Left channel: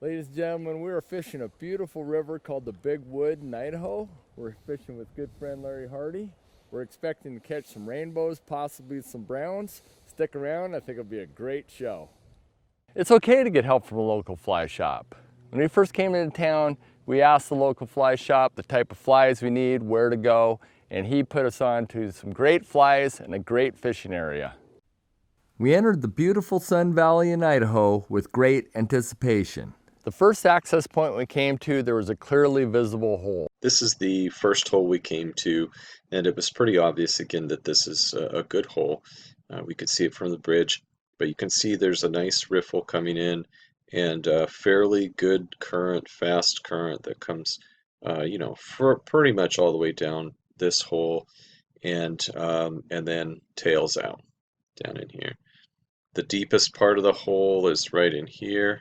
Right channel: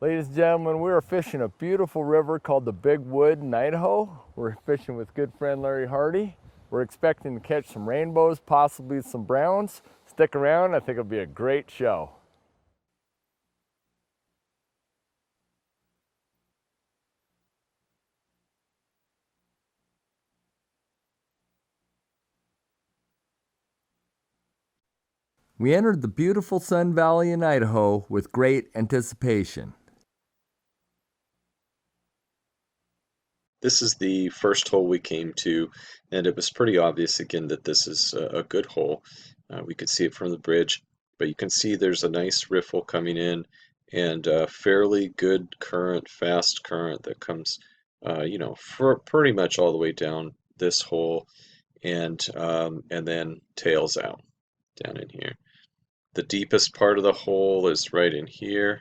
Ladies and gentlemen, we are fishing a beautiful river called the Big Wood in Idaho. We're fishing with good friend Larry Hardy. We're expecting to catch some rainbows, possibly some browns. Stick around, I think it'll be a great show. It's okay to get help from a local fly shop. When we first came into town, we asked the local fly shop the type of flies we need, where to go, and he put us on to some great flies and a great fishing area. We entered the beautiful Sun Valley in Idaho with great anticipation. The first access point we came to, there was a clearly visible hole. This is the first hole we came to, and it was pretty obvious again that this is a good hole. We could see it from the bridge, but you can see there's a nice riffle coming in and a fairly good current, fast current that comes, for pretty much all the way down this hole and then tails out down in here. The deepest part of the hole is right in here.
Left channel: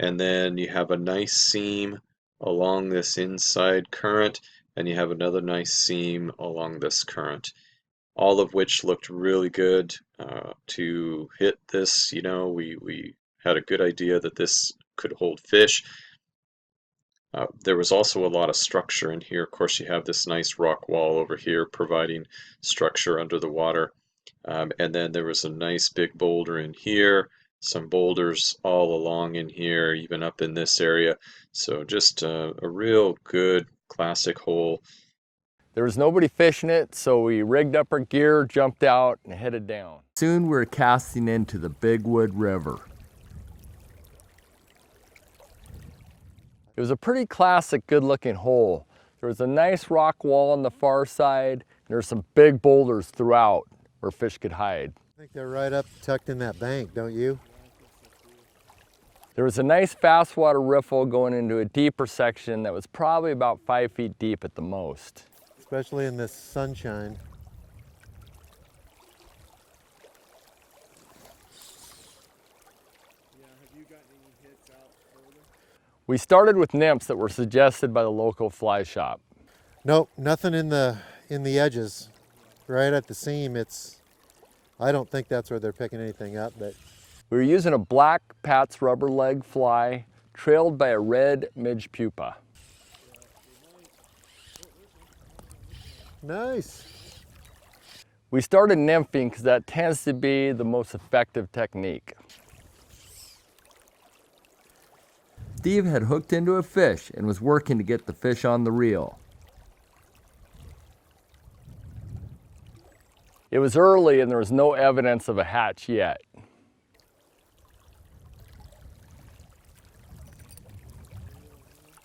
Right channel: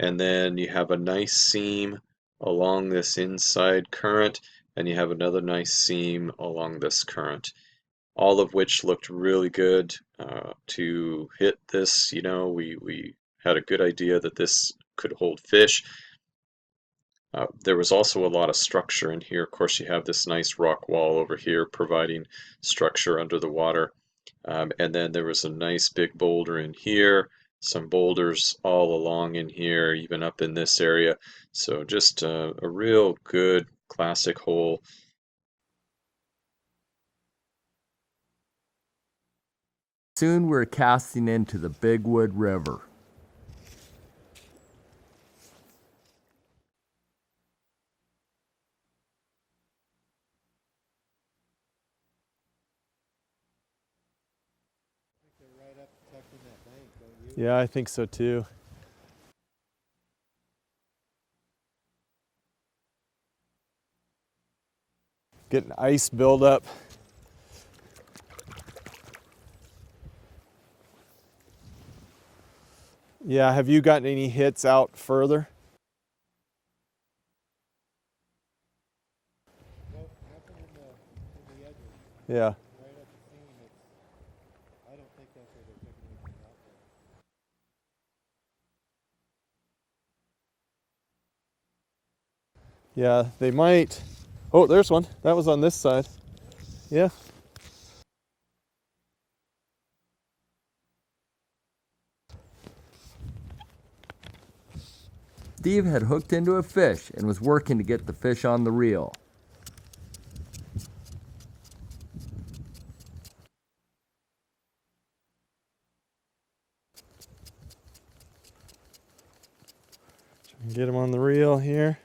And then you have a nice seam along this inside current, and you have another nice seam along this current, all of which looked really good to hit this. We had a good idea that this could hold fish. There was also a lot of structure in here. Of course, you have this nice rock wall over here providing structure under the water. And then there was a nice big boulder in here, some boulders all along in here, even up in this area. So just a real good classic hole. There was nobody fishing it, so we rigged up our gear, jumped out, and headed down. Soon we were casting into the Big Wood River. It was a pretty classic, good-looking hole. There was a nice rock wall on the far side, and there were some big boulders throughout where fish could hide. I think they're right up tucked in that bank, don't you? Yeah, I think so too. There was a nice fast water riffle going into a deeper section that was probably about 5 feet deep at the most. Getting Especially ice in the buildup. sunshine. Yeah, have you gotten any hits out further? We started with nymphs that were suggested by the local fly shop. Nope, nothing in the edges. Yeah. Right at the seam, I don't think that's where they're picking anything up, but We were using a black Pat's rubber leg fly trailed by a red midge pupa. Yeah, they might. Oh, there's one. That was on this side. nice. Yeah. We started nymphing because that tends to be the most effective technique. Steve had hooked into a fish and was working to get the fish on the reel. It was early and there was no evidence of a hatch yet. Get him on the reel here.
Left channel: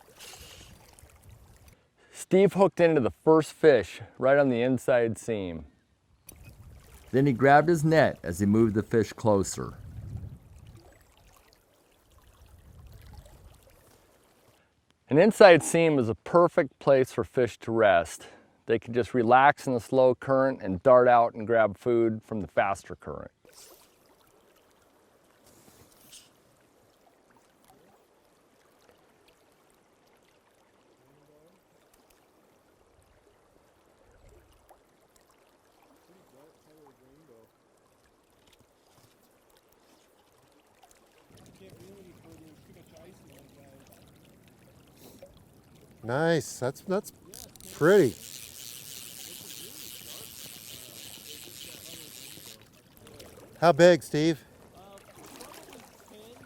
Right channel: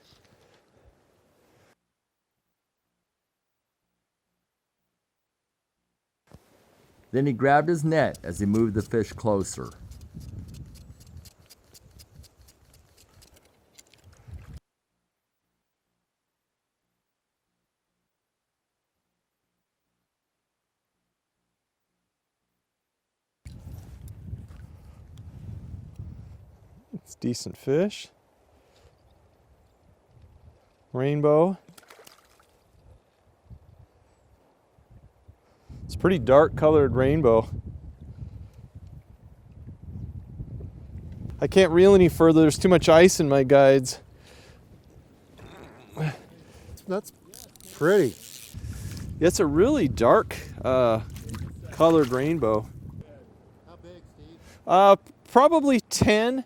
Steve hooked into the first fish right on the inside seam. Then he grabbed his net as he moved the fish closer. An inside seam is a perfect place for fish to rest. They can just relax in the slow current and dart out and grab food from the faster current. It's decent fish. Rainbow. It's pretty dark colored rainbow. I can't reel any further. There's too much ice in my guides. Nice. That's pretty. It's a really dark colored rainbow. How big, Steve? Probably 10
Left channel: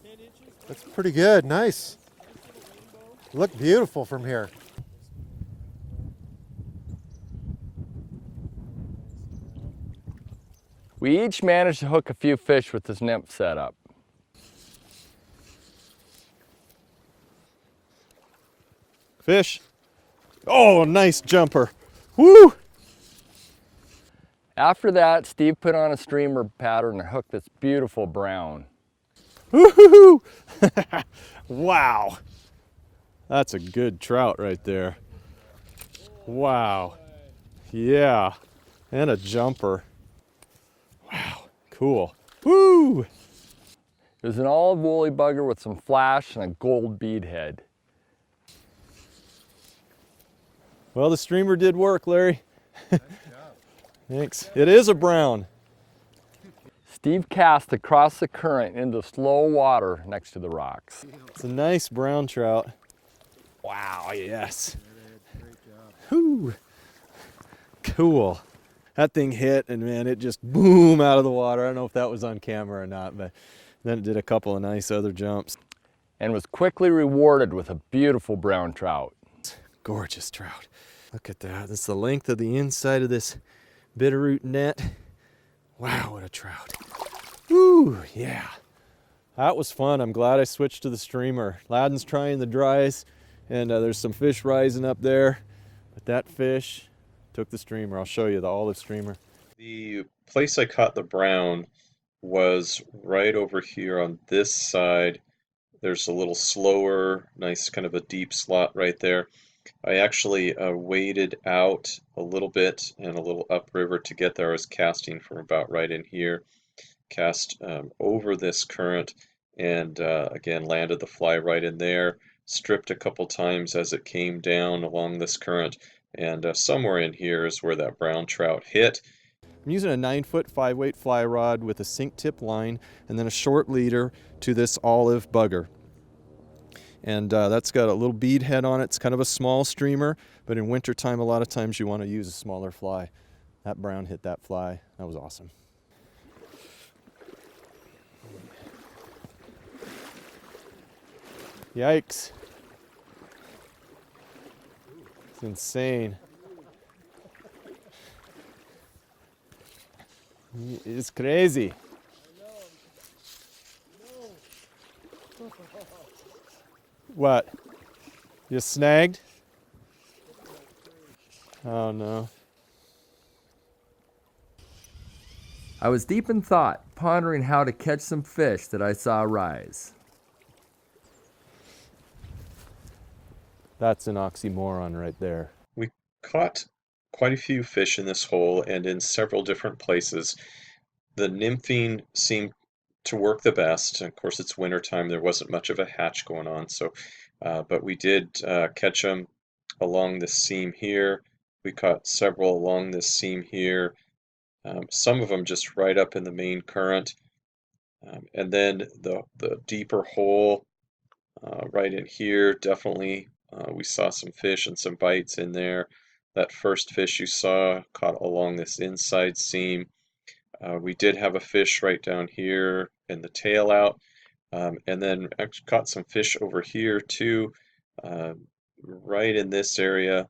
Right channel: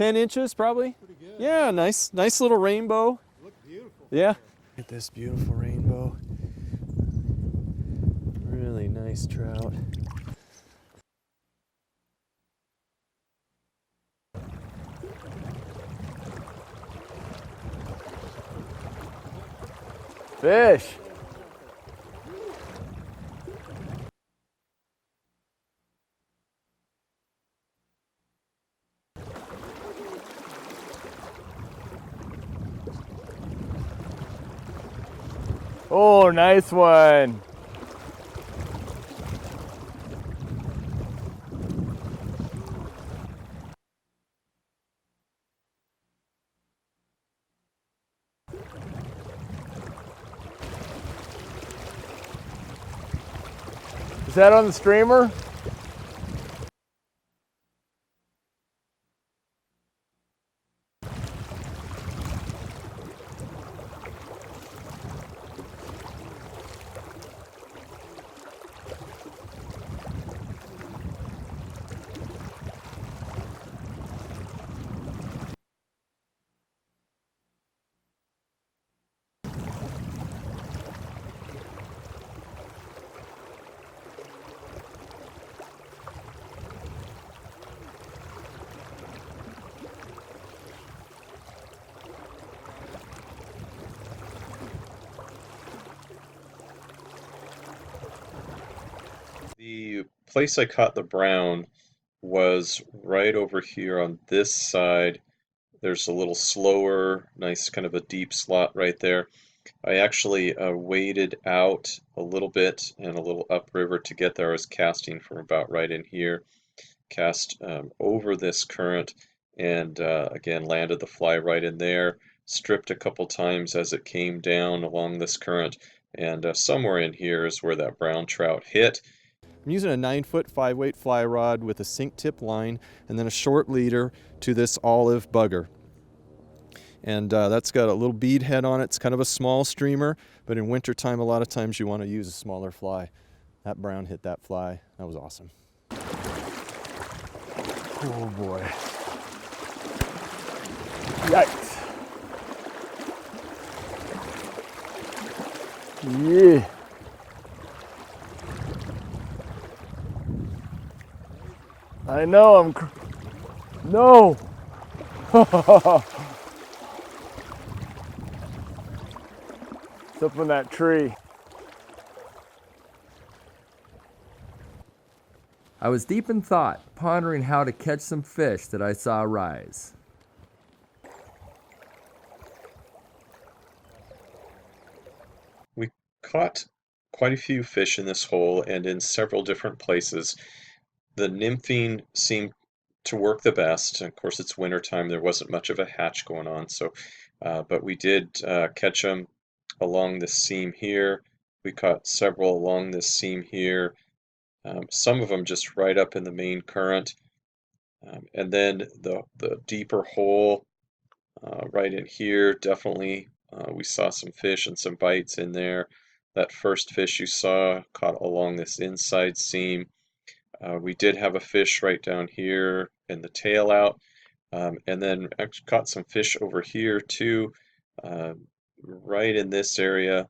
inches, probably. Pretty good. Yeah, nice. nice little rainbow. Look beautiful from Yeah. here. Look at this beautiful rainbow. Really nice trout. We each managed to hook a few fish with this nymph setup. Fish. Fish. Oh, nice jumper. Woo! After that, Steve put on a streamer pattern and hooked this beautiful brown. Woo-hoo-hoo! Wow. That's a good trout right there. Oh, nice Wow. one. Yeah. And a jumper. Wow. Cool. Woo! It was an olive woolly bugger with some flash and a gold bead head. Well, the streamer did work, Larry. Is that on It the is streamer? a brown. Steve cast across the current into slow water next to the rocks. It's a nice brown trout. Wow, yes. Whew. Cool. That thing hit and man, it just boom out of the water. I don't know if that was on camera or not, but then it did a couple of nice other jumps. And was quickly rewarded with a beautiful brown trout. Gorgeous trout. Look at that. This is the length of the inside of this bitterroot net. Wow, what a trout. Woo, yeah. That was fun. I'm glad I switched to the streamer. Ladin's trying the dries, and there's some fish rising up there. That fish took the streamer. I'll show you the olive streamer. The place I caught the brown was right over here on this side. There's a little slower, nice kind of a deep slot right there. I actually waded out a little bit and a little upriver to get there. I was casting from about right in here, cast over this current, and again landed the fly right in there, stripped a couple times as it came down along this current, and somewhere in here is where that brown trout hit. I'm using a 9-foot 5-weight fly rod with a sink tip line and then a short leader to this olive bugger. And that's got a little bead head on it. It's kind of a small streamer, but in wintertime, a lot of times you want to use a smaller fly. That brown hit that fly. That was awesome. Oh boy. Yikes. Yikes. Insane. Yeah. It's crazy. I know, no. What? You snagged? It's up in that tree. Oh no. I was deep in thought, pondering how to catch some fish that I saw rise. That's an oxymoron right there. We caught quite a few fish in this hole and in several different places. The nymphing seemed to work the best. Of course, it's wintertime. There wasn't much of a hatch going on, so but we did catch them along this seam here. We caught several along this seam here. Some of them just right up in the main current. And then the deeper hole right in here, definitely we saw some fish and some bites in there. That first fish you saw caught along this inside seam. We did have a fish right down here in the tail out, and then actually caught some fish over here too, right in this area.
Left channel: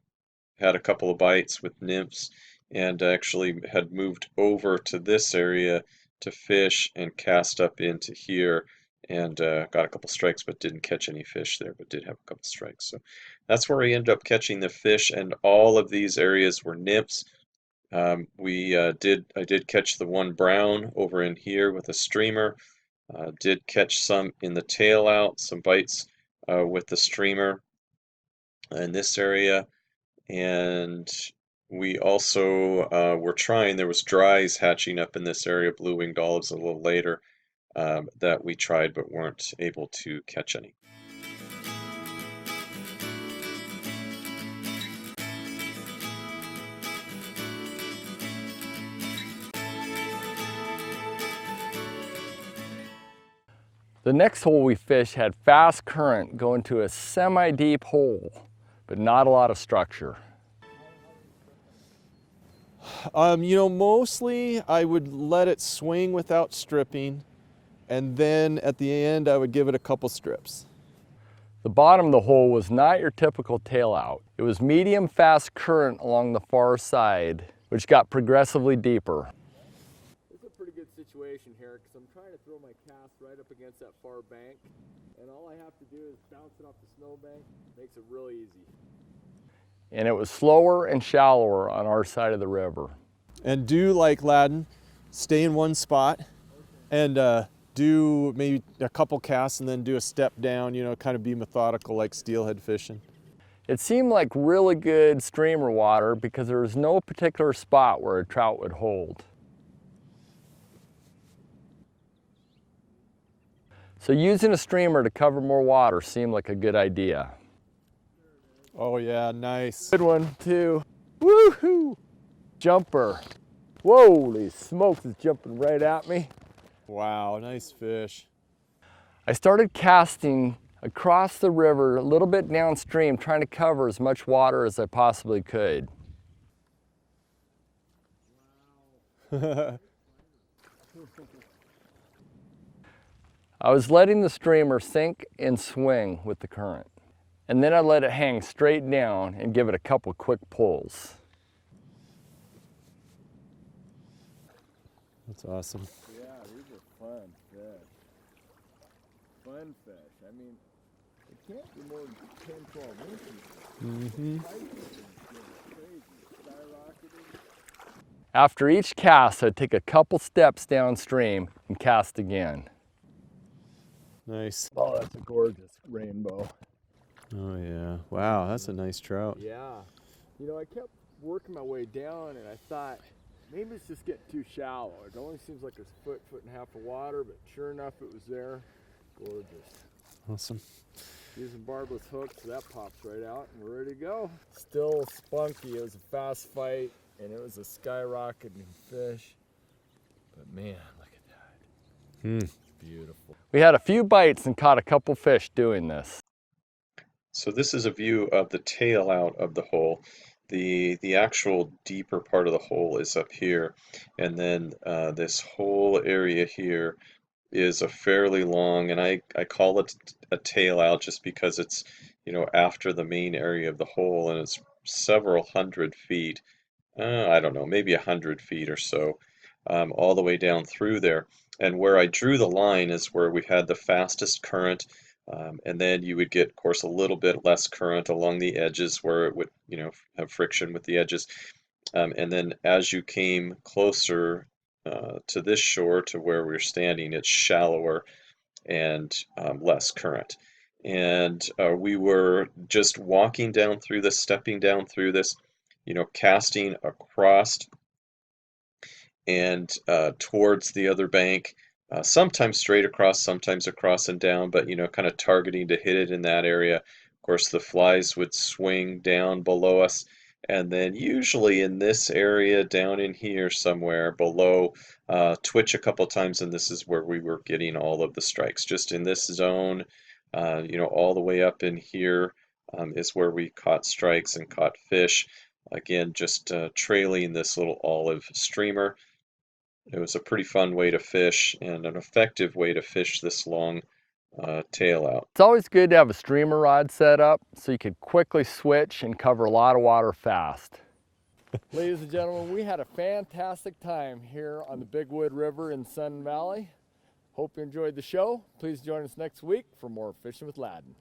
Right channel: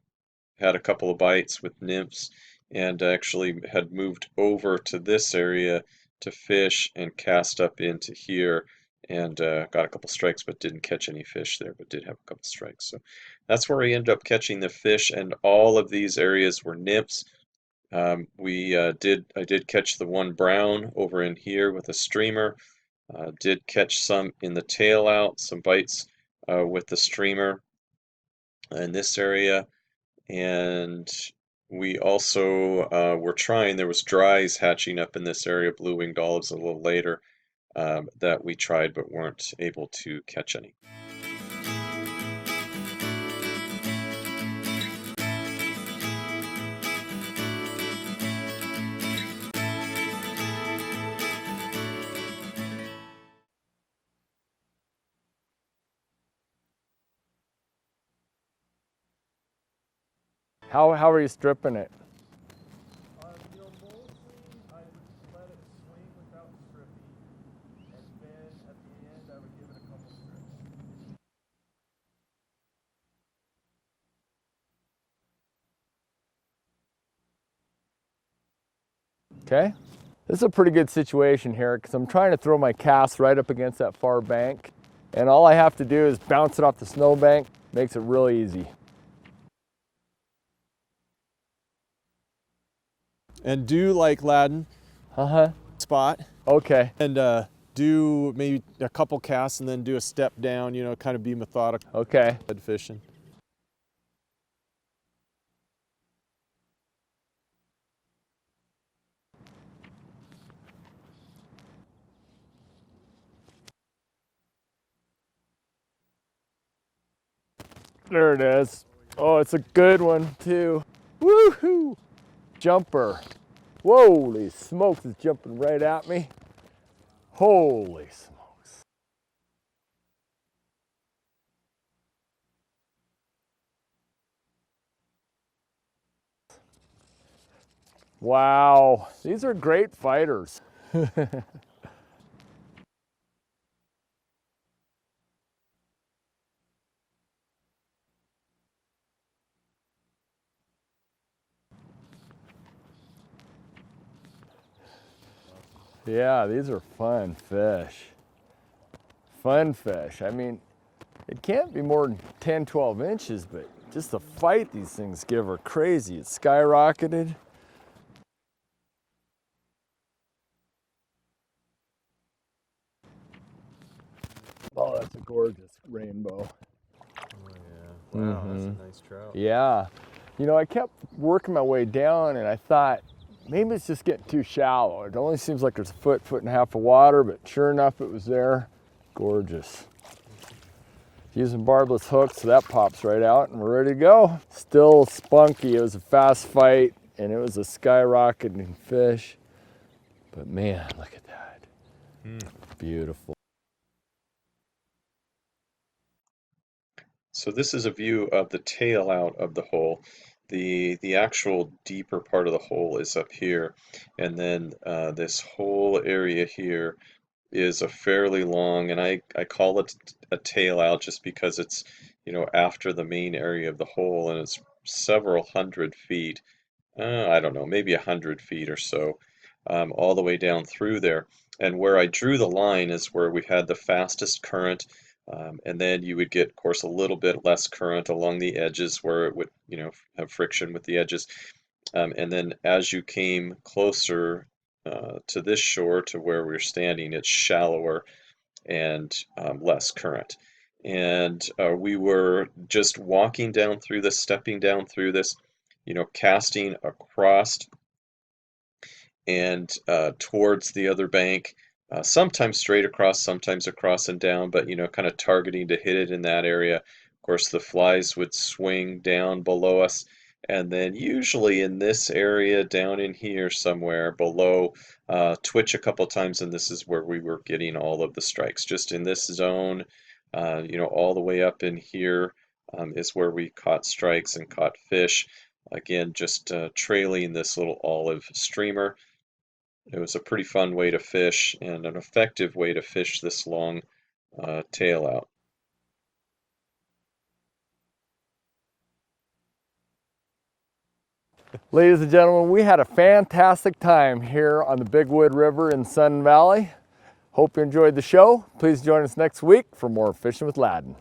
Had a couple of bites with nymphs, and actually had moved over to this area to fish and cast up into here, and got a couple strikes, but didn't catch any fish there, but did have a couple strikes. So that's where I ended up catching the fish, and all of these areas were nymphs. I did catch the one brown over in here with a streamer. Did catch some in the tail out, some bites with the streamer in this area, and we also were trying. There was dries hatching up in this area, blue-winged olives a little later, that we tried but weren't able to catch any. The next hole we fished had fast current going to a semi-deep hole, but not a lot of structure. How are you stripping it? You know, mostly I would let it swing without stripping, and then at the end I would give it a couple strips. The bottom of the hole was not your typical tail out. It was medium fast current along the far side, which got progressively deeper, okay? This is a pretty good situation here because I'm trying to throw my cast right up against that far bank, and all I have to do is bounce it off the snowbank. Makes it real easy. And it was slower and shallower on our side of the river. And do like Ladin, stay in one spot. Okay. And do maybe a couple casts and then do a step down, you know, kind of be methodical like steelhead fishing. It seemed like really good streamer water because there was no particular spot where a trout would hold. So using a streamer to cover more water seemed like a good idea. There it is. Oh yeah, oh, it's nice. a good one too. Woohoo! Jumper. Holy smokes, it's jumping right at me. Wow, Holy nice fish. I started casting across the river, a little bit downstream, trying to cover as much water as I possibly could. Wow, these are great fighters. I was letting the streamer sink and swing with the current. And then I let it hang straight down and give it a couple quick pulls. That's awesome. Yeah, these are fun fish. Fun fish. I mean, it can't be more than 10, 12 inches, but just the fight these things give are crazy. It's skyrocketed. After each cast, I'd take a couple steps downstream and cast again. Nice. Oh, that's a gorgeous rainbow. Oh yeah. Wow, that's a nice trout. Yeah. You know, I kept working my way down and I thought, maybe it's just getting too shallow. It only seems like there's a foot, foot and a half of water, but sure enough, it was there. Gorgeous. Awesome. Using barbless hooks, so that pops right out and we're ready to go. Still spunky. It was a fast fight and it was a skyrocketing fish. But man, look at that. Beautiful. We had a few bites and caught a couple fish doing this. So this is a view of the tail out of the hole. The actual deeper part of the hole is up here, and then this whole area here is a fairly long, and I call it a tail out just because it's, you know, after the main area of the hole, and it's several hundred feet. I don't know, maybe 100 feet or so, all the way down through there. And where I drew the line is where we had the fastest current, and then you would get, of course, a little bit less current along the edges where it would, you know, have friction with the edges. And then as you came closer to this shore, to where we're standing, it's shallower and less current. And we were just walking down through this, stepping down through this, you know, casting across and towards the other bank, sometimes straight across, sometimes across and down, but, you know, kind of targeting to hit it in that area. Of course, the flies would swing down below us, and then usually in this area down in here somewhere below, twitch a couple times, and this is where we were getting all of the strikes. Just in this zone, you know, all the way up in here is where we caught strikes and caught fish. Again, just trailing this little olive streamer. It was a pretty fun way to fish and an effective way to fish this long tail out. It's always good to have a streamer rod set up so you could quickly switch and cover a lot of water fast. Ladies and gentlemen, we had a fantastic time here on the Big Wood River in Sun Valley. Hope you enjoyed the show. Please join us next week for more Fishing with Ladin.